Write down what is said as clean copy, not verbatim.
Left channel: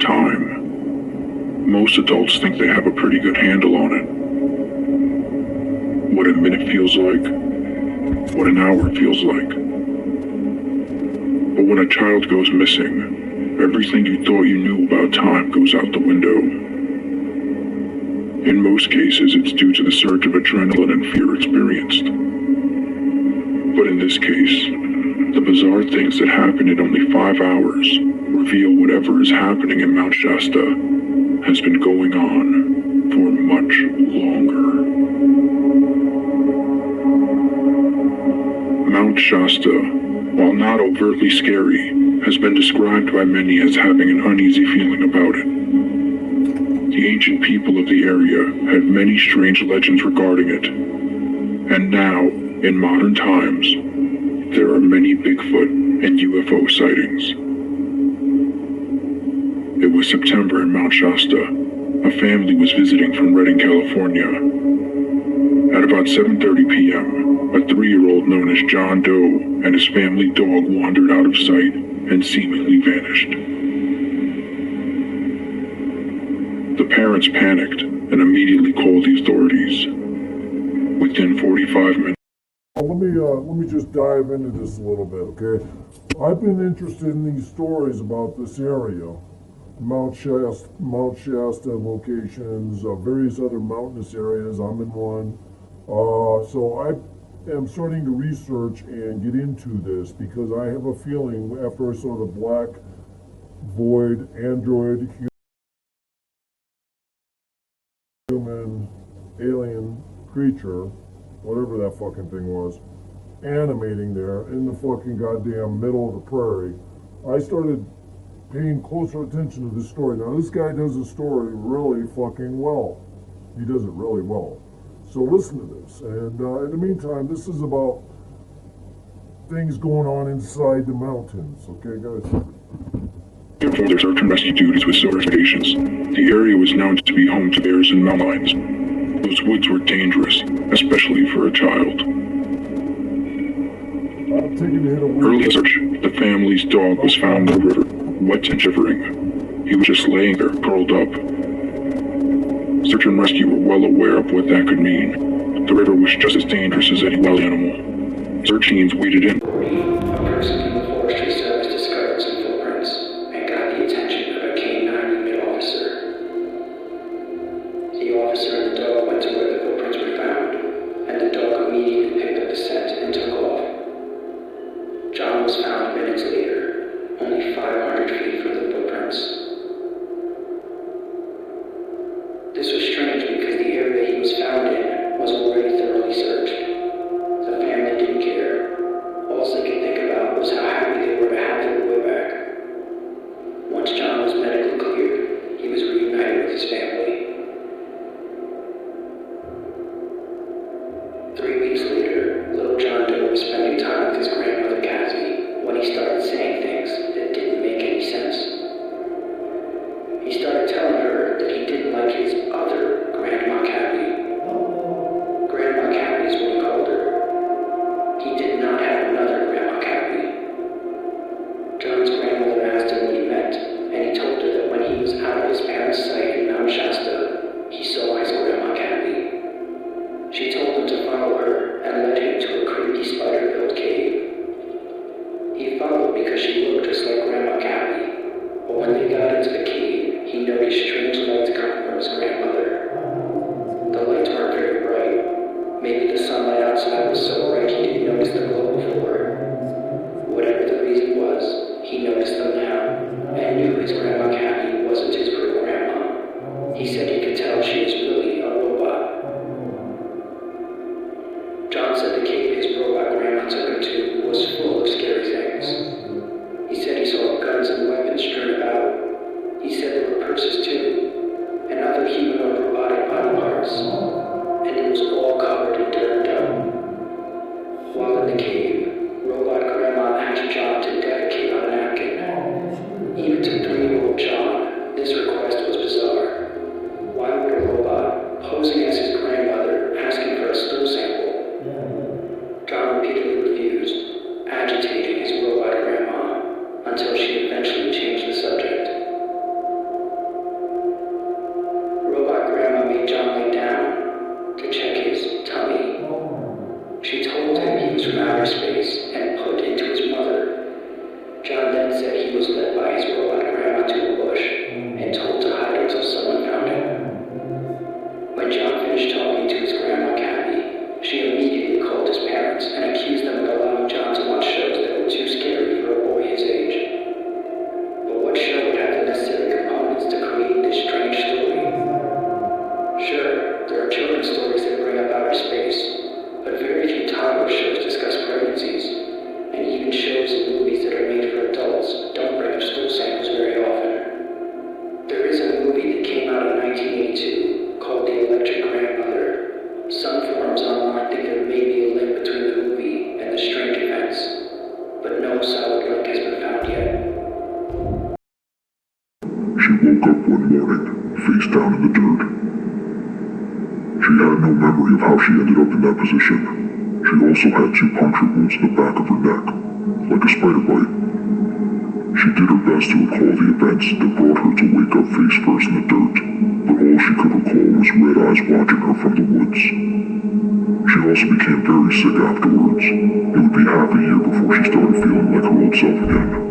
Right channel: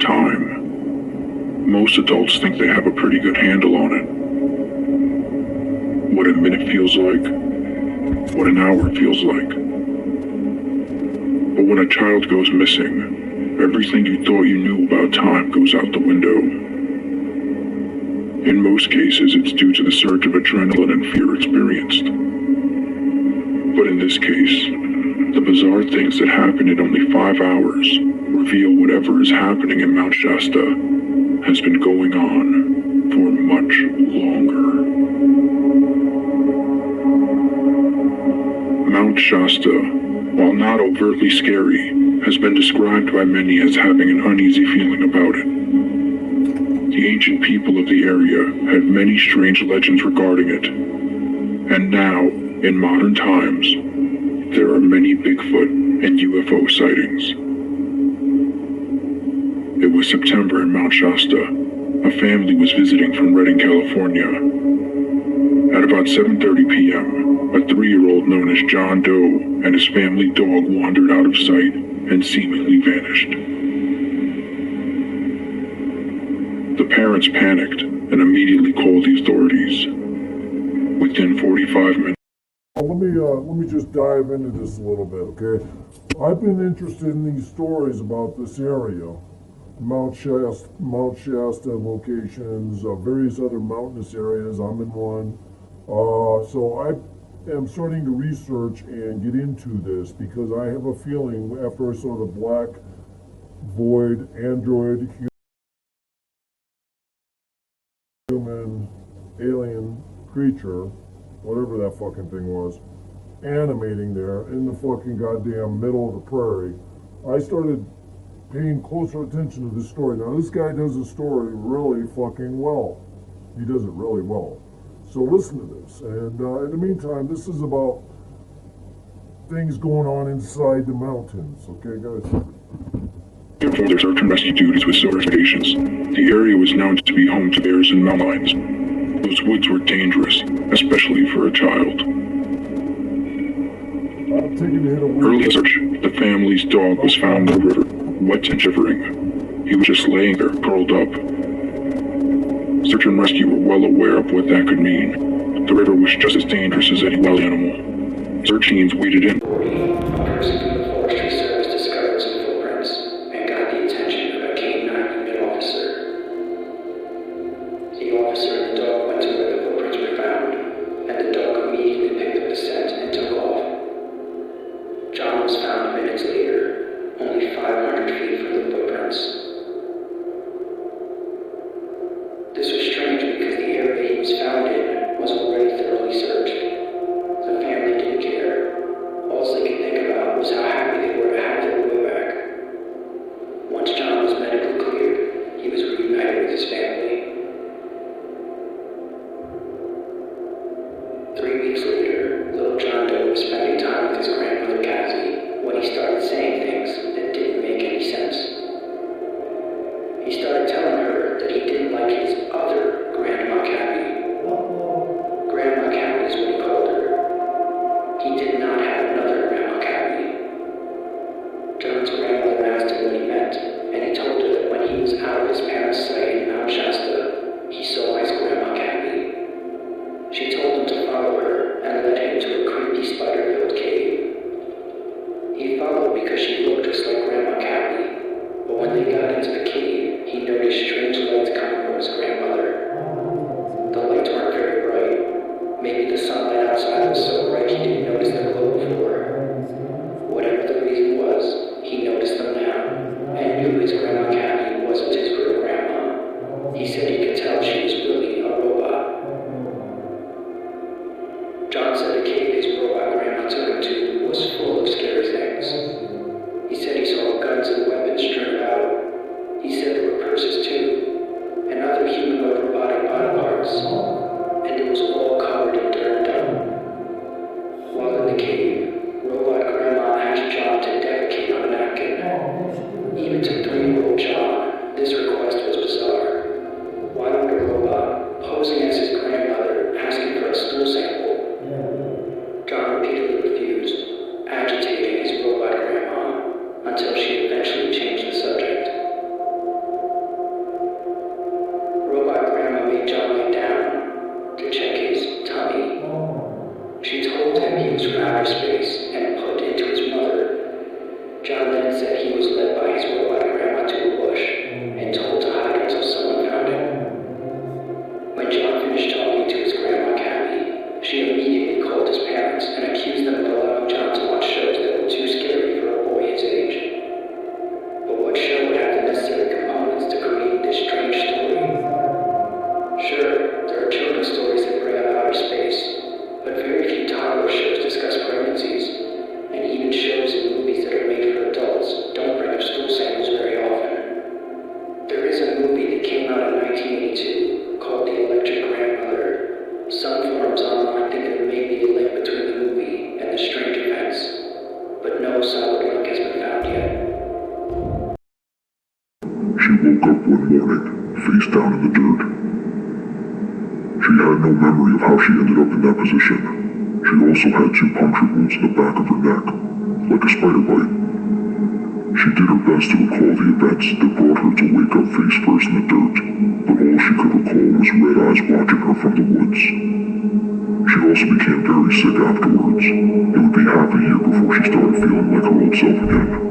Time. Most adults think they have a pretty good handle on it. What a minute feels like, what an hour feels like. But when a child goes missing, everything you thought you knew about time goes out the window. In most cases, it's due to the surge of adrenaline and fear experienced. But in this case, the bizarre things that happen in only 5 hours reveal whatever is happening in Mount Shasta has been going on for much longer. Mount Shasta, while not overtly scary, has been described by many as having an uneasy feeling about it. The ancient people of the area had many strange legends regarding it, and now, in modern times, there are many Bigfoot and UFO sightings. It was September in Mount Shasta. A family was visiting from Redding, California. At about 7:30 p.m., a 3-year-old known as John Doe and his family dog wandered out of sight and seemingly vanished. The parents panicked and immediately called the authorities. Within 45 minutes, Let me just dive into this a little bit, okay? I've been interested in these stories about this area, Mount Shasta locations, various other mountainous areas. I'm in one. So I am starting to research and get into this because I have a feeling after I saw the black void android human alien creature, whatever that fucking thing was, animating there in the fucking goddamn middle of the prairie, I started paying closer attention to this story. Now, this guy does the story really fucking well. He does it really well. So listen to this. And in the meantime, this is about things going on inside the mountains. Okay, guys? performed their search and rescue duties with silver expeditions. The area was known to be home to bears and mountain lions. Those woods were dangerous, especially for a child. Early search, the family's dog was found in the river, wet and shivering. He was just laying there, curled up. Search and rescue were well aware of what that could mean. The river was just as dangerous as any wild animal. Search teams waded in. A person from the Forestry Service discovered some footprints and got the attention of a K-9 unit officer. The officer and the dog went to where the footprints were found, and the dog immediately picked up the scent and took off. John was found minutes later, only 500 feet from the footprints. This was strange because the area he was found in was already thoroughly searched. The family didn't care. All they could think about was how agitating his robot grandma until she eventually changed the subject. Robot grandma made John lay down to check his tummy. She told him he was from outer space and put into his mother. John then said he was led by his robot grandma to a bush and told to hide until someone found him. When John finished talking to his grandma Kathy, she immediately called his parents and accused them of allowing John to watch shows that were too scary for a boy his age. But what show would have the necessary components to create this strange story? Sure, there are children's stories that bring up outer space, but very few toddler shows discuss pregnancies, and even shows and movies that are made for adults don't bring up stool samples very often. There is a movie that came out in 1982 called The Electric Grandmother. Some forums online think there may be a link between the movie and the strange events, but no solid link has been found yet. She woke up one morning, face down in the dirt. She had no memory of how she ended up in that position. She also had 2 puncture wounds in the back of her neck, like a spider bite. She did her best to recall the events that brought her to wake up face first in the dirt, but all she could recall was red eyes watching her from the woods. She also became very sick afterwards. It would be half a year before she started feeling like her old self again.